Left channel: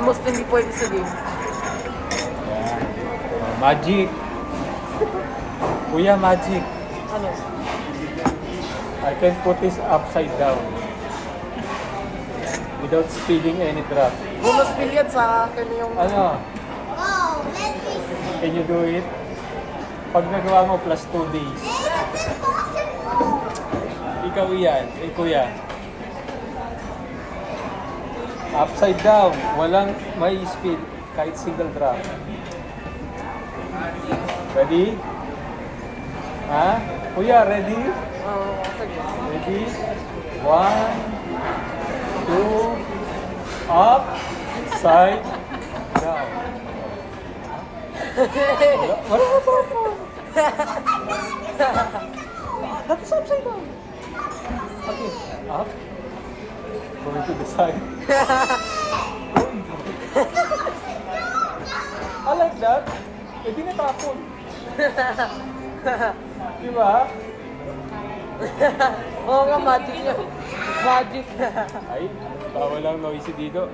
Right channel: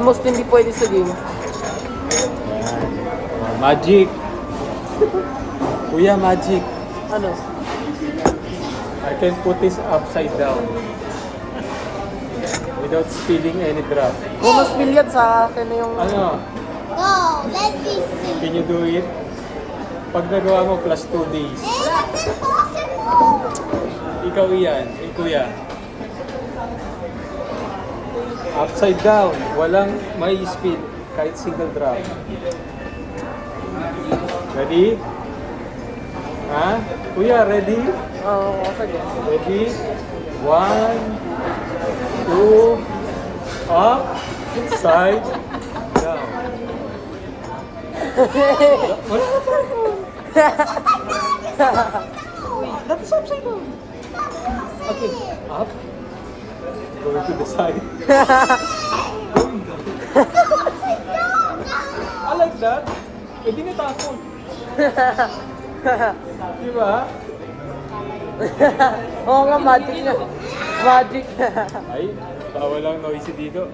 Most hindi pwede sa game. Yan. Oh, magic. Kuya, magic. Ano? I can put this upside down without spilling any drop. Kung mas billiard sa akin na yung... Ano? Oh, let me see. Can you do it? Pag nagawa mo, plus 2 days. It's impossible. Ikaw iyan, kuya. Upside down, walang may spill, kahit single drop. Ready? Ha? Kuya, ready? Ready? 1, 2, up, side, down. Wala ka pa po. That's upside down. Okay, up. Going to the side. Going down. I like that. Pwede na tapon. Diba? Oo nga, magic na. Magic. Ay, bawal lang noisy dito.